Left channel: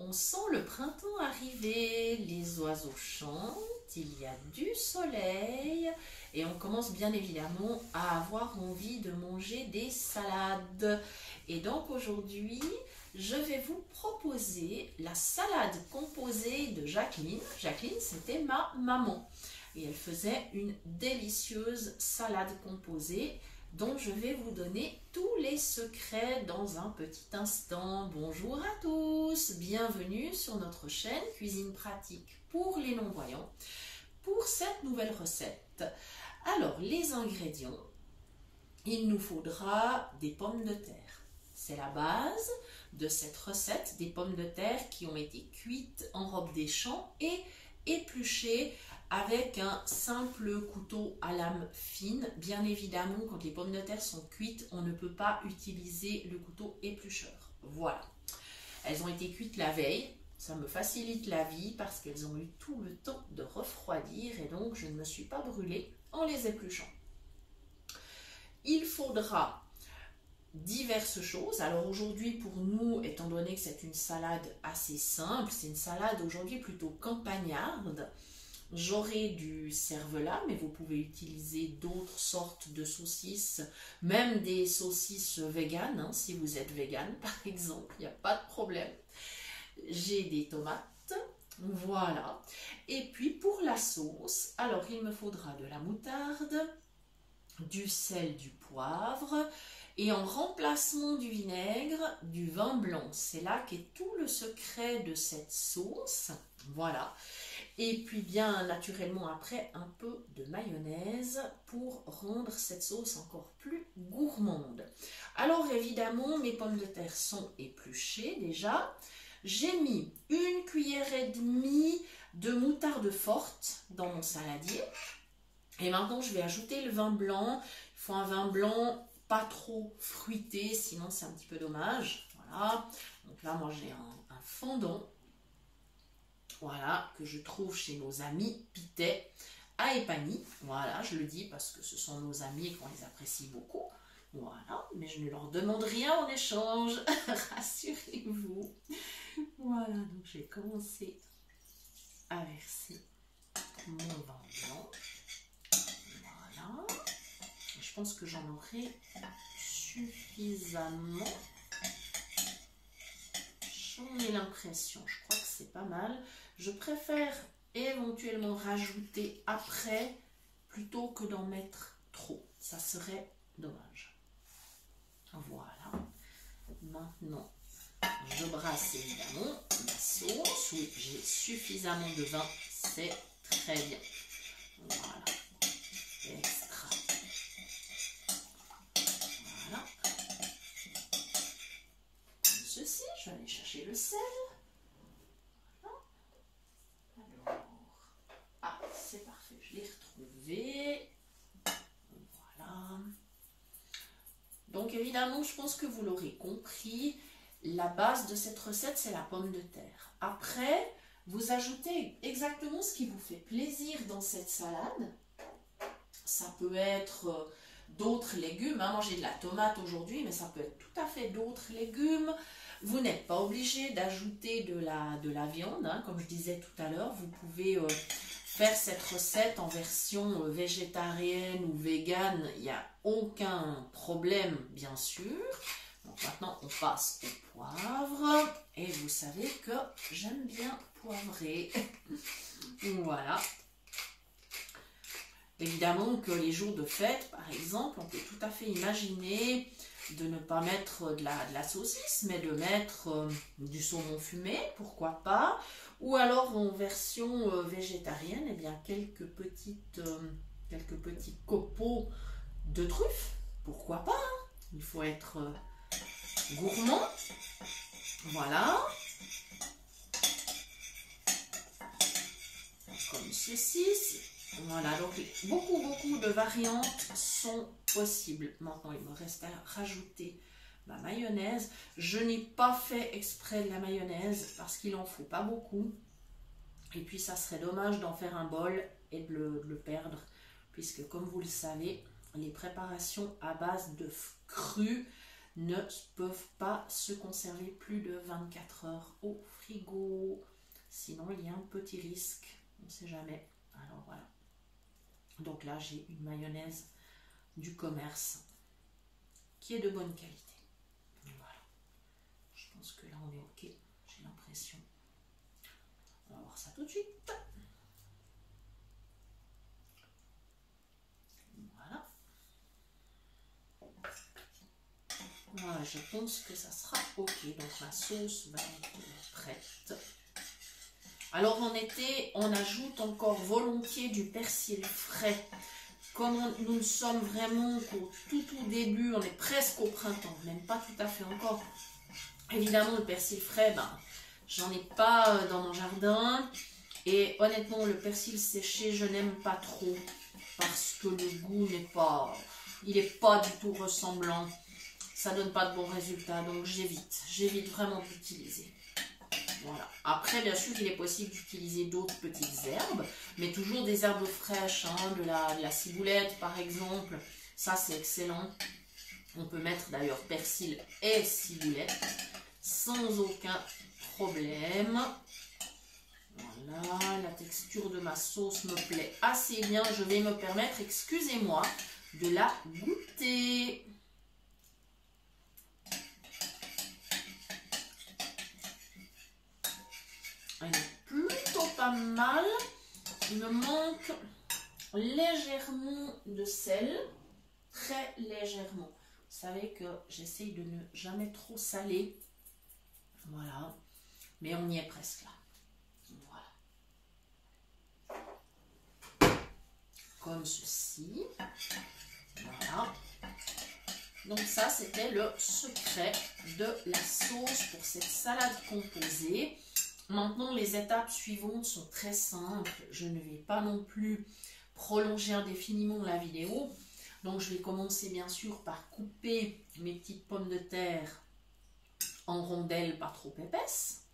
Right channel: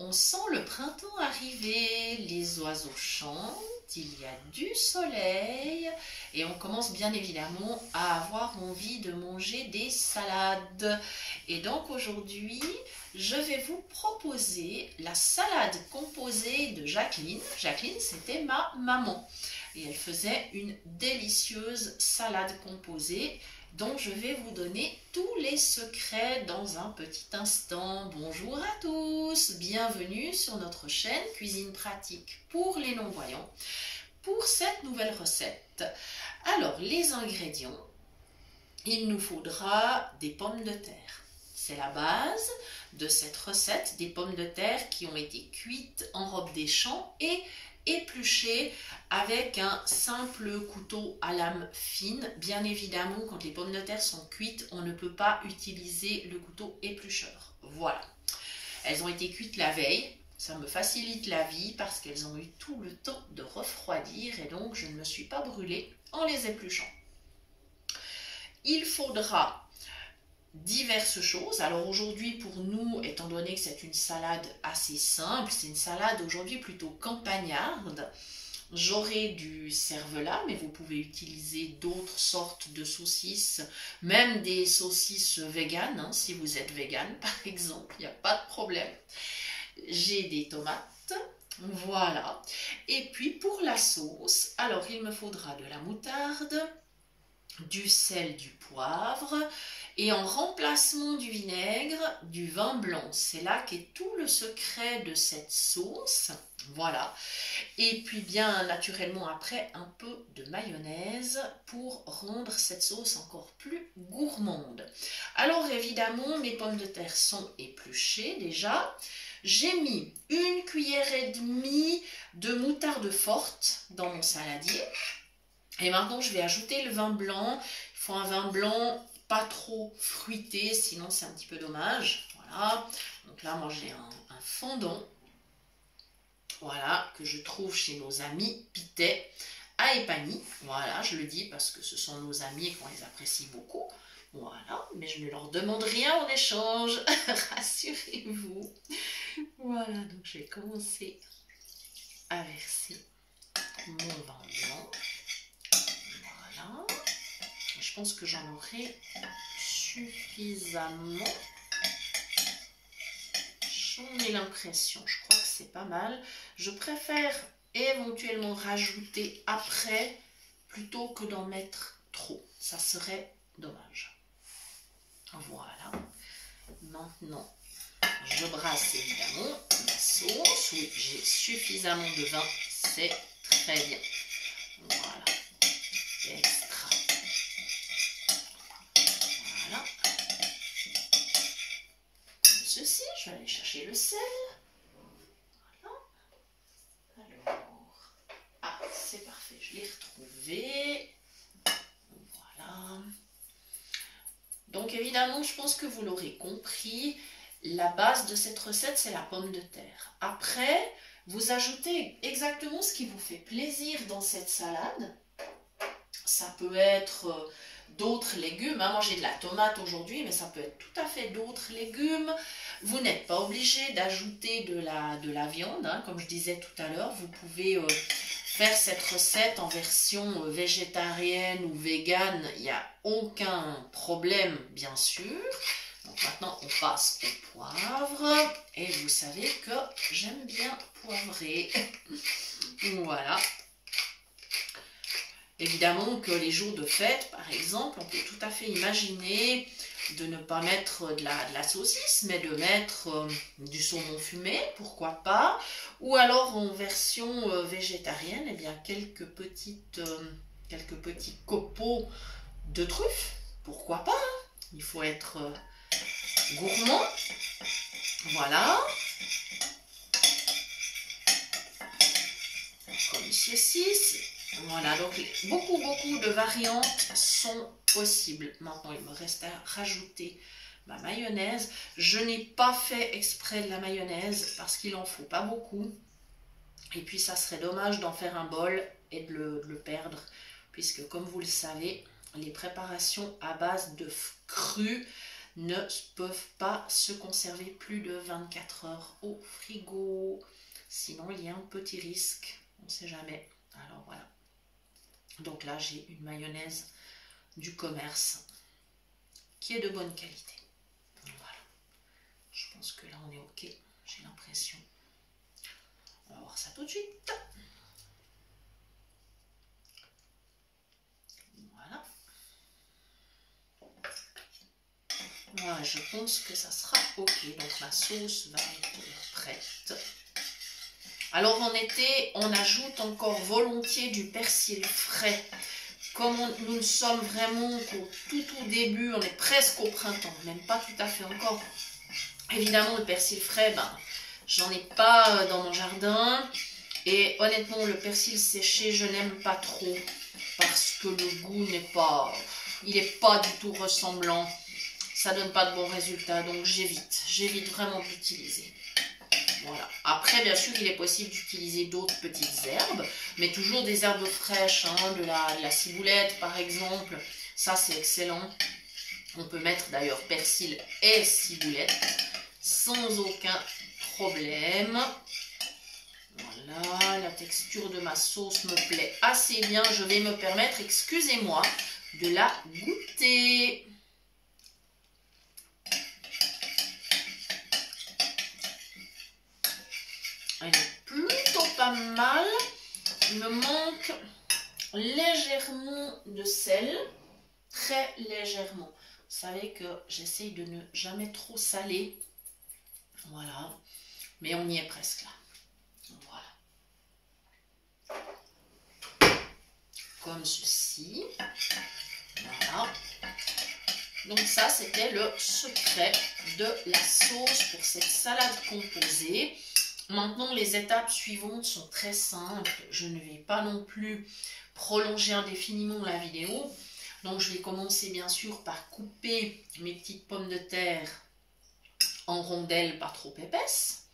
On sent le printemps arriver, les oiseaux chantent, il y a du soleil et on commence bien évidemment à avoir envie de manger des salades. Et donc aujourd'hui, je vais vous proposer la salade composée de Jacqueline. Jacqueline, c'était ma maman et elle faisait une délicieuse salade composée dont je vais vous donner tous les secrets dans un petit instant. Bonjour à tous, bienvenue sur notre chaîne Cuisine pratique pour les non-voyants pour cette nouvelle recette. Alors, les ingrédients, il nous faudra des pommes de terre. C'est la base de cette recette, des pommes de terre qui ont été cuites en robe des champs et épluchées avec un simple couteau à lame fine. Bien évidemment, quand les pommes de terre sont cuites, on ne peut pas utiliser le couteau éplucheur. Voilà. Elles ont été cuites la veille. Ça me facilite la vie parce qu'elles ont eu tout le temps de refroidir et donc je ne me suis pas brûlée en les épluchant. Il faudra diverses choses. Alors aujourd'hui pour nous, étant donné que c'est une salade assez simple, c'est une salade aujourd'hui plutôt campagnarde, j'aurai du cervelas, mais vous pouvez utiliser d'autres sortes de saucisses, même des saucisses véganes, hein, si vous êtes végane par exemple, il n'y a pas de problème. J'ai des tomates, voilà. Et puis pour la sauce, alors il me faudra de la moutarde, du sel, du poivre et en remplacement du vinaigre, du vin blanc. C'est là qu'est tout le secret de cette sauce. Voilà. Et puis bien naturellement après un peu de mayonnaise pour rendre cette sauce encore plus gourmande. Alors évidemment mes pommes de terre sont épluchées déjà. J'ai mis 1 cuillère et demie de moutarde forte dans mon saladier. Et maintenant, je vais ajouter le vin blanc. Il faut un vin blanc pas trop fruité, sinon c'est un petit peu dommage. Voilà. Donc là, moi, j'ai un fondant. Voilà, que je trouve chez nos amis Pitet à Epagny. Voilà, je le dis parce que ce sont nos amis et qu'on les apprécie beaucoup. Voilà, mais je ne leur demande rien en échange, rassurez-vous. Voilà, donc je vais commencer à verser mon vin blanc. Voilà, je pense que j'en aurai suffisamment. J'en ai l'impression, je crois que c'est pas mal. Je préfère éventuellement rajouter après plutôt que d'en mettre trop. Ça serait dommage. Voilà. Maintenant, je brasse évidemment ma sauce. Oui, j'ai suffisamment de vin. C'est très bien. Voilà. Extra. Voilà. Comme ceci, je vais aller chercher le sel. Voilà. Alors, ah, c'est parfait. Je l'ai retrouvé. Voilà. Donc évidemment, je pense que vous l'aurez compris, la base de cette recette, c'est la pomme de terre. Après, vous ajoutez exactement ce qui vous fait plaisir dans cette salade. Ça peut être d'autres légumes. Hein. Moi, j'ai de la tomate aujourd'hui, mais ça peut être tout à fait d'autres légumes. Vous n'êtes pas obligé d'ajouter de la viande. Hein. Comme je disais tout à l'heure, vous pouvez faire cette recette en version végétarienne ou végane, il n'y a aucun problème bien sûr. Donc maintenant on passe au poivre et vous savez que j'aime bien poivrer. Voilà. Évidemment que les jours de fête par exemple, on peut tout à fait imaginer de ne pas mettre de la saucisse, mais de mettre du saumon fumé, pourquoi pas, ou alors en version végétarienne, eh bien quelques petits copeaux de truffes, pourquoi pas, hein. Il faut être gourmand, voilà, comme ceci. Voilà, donc beaucoup de variantes sont possibles. Maintenant, il me reste à rajouter ma mayonnaise. Je n'ai pas fait exprès de la mayonnaise parce qu'il n'en faut pas beaucoup. Et puis, ça serait dommage d'en faire un bol et de le perdre. Puisque, comme vous le savez, les préparations à base d'œufs crus ne peuvent pas se conserver plus de 24 heures au frigo. Sinon, il y a un petit risque. On ne sait jamais. Alors voilà. Donc là, j'ai une mayonnaise du commerce qui est de bonne qualité. Voilà. Je pense que là, on est OK. J'ai l'impression. On va voir ça tout de suite. Voilà. Voilà, je pense que ça sera OK. Donc ma sauce va être prête. Alors en été, on ajoute encore volontiers du persil frais. Comme nous ne sommes vraiment qu'au tout début, on est presque au printemps, même pas tout à fait encore. Évidemment, le persil frais, j'en ai pas dans mon jardin. Et honnêtement, le persil séché, je n'aime pas trop parce que le goût il n'est pas du tout ressemblant. Ça donne pas de bons résultats, donc j'évite vraiment d'utiliser. Voilà. Après, bien sûr, il est possible d'utiliser d'autres petites herbes, mais toujours des herbes fraîches, hein, de la ciboulette par exemple. Ça, c'est excellent. On peut mettre d'ailleurs persil et ciboulette sans aucun problème. Voilà, la texture de ma sauce me plaît assez bien. Je vais me permettre, excusez-moi, de la goûter. Elle est plutôt pas mal. Il me manque légèrement de sel. Très légèrement. Vous savez que j'essaye de ne jamais trop saler. Voilà. Mais on y est presque là. Voilà. Comme ceci. Voilà. Donc ça, c'était le secret de la sauce pour cette salade composée. Maintenant, les étapes suivantes sont très simples. Je ne vais pas non plus prolonger indéfiniment la vidéo. Donc, je vais commencer bien sûr par couper mes petites pommes de terre en rondelles pas trop épaisses.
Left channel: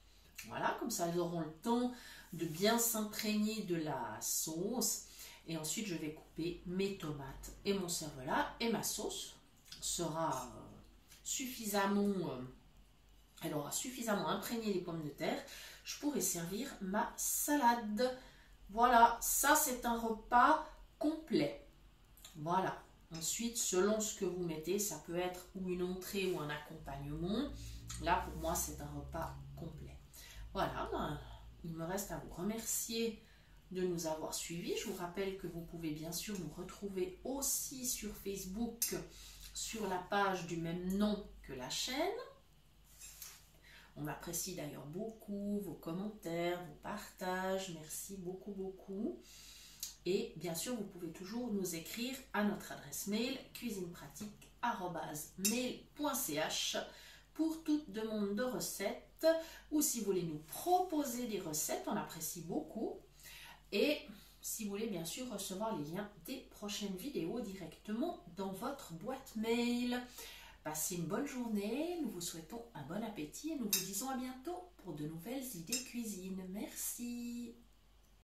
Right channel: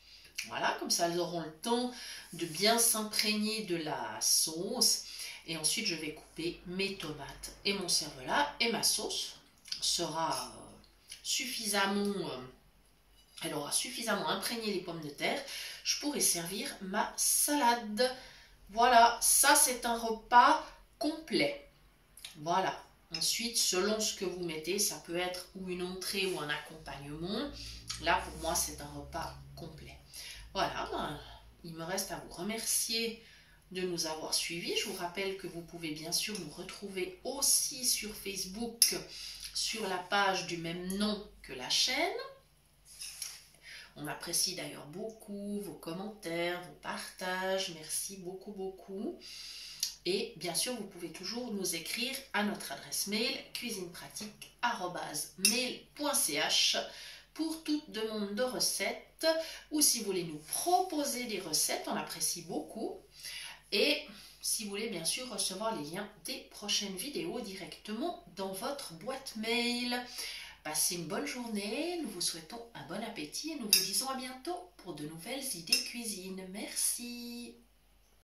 Voilà, comme ça, elles auront le temps de bien s'imprégner de la sauce. Et ensuite, je vais couper mes tomates et mon cervelas. Et ma sauce sera suffisamment... elle aura suffisamment imprégné les pommes de terre. Je pourrai servir ma salade. Voilà, ça c'est un repas complet. Voilà. Ensuite, selon ce que vous mettez, ça peut être ou une entrée ou un accompagnement. Là, pour moi, c'est un repas complet. Voilà, il me reste à vous remercier de nous avoir suivis. Je vous rappelle que vous pouvez bien sûr nous retrouver aussi sur Facebook, sur la page du même nom que la chaîne. On apprécie d'ailleurs beaucoup vos commentaires, vos partages. Merci beaucoup, beaucoup. Et bien sûr, vous pouvez toujours nous écrire à notre adresse mail cuisinepratique@mail.ch pour toute demande de recettes ou si vous voulez nous proposer des recettes, on apprécie beaucoup. Et si vous voulez bien sûr recevoir les liens des prochaines vidéos directement dans votre boîte mail. Passez une bonne journée, nous vous souhaitons un bon appétit et nous vous disons à bientôt pour de nouvelles idées cuisine. Merci.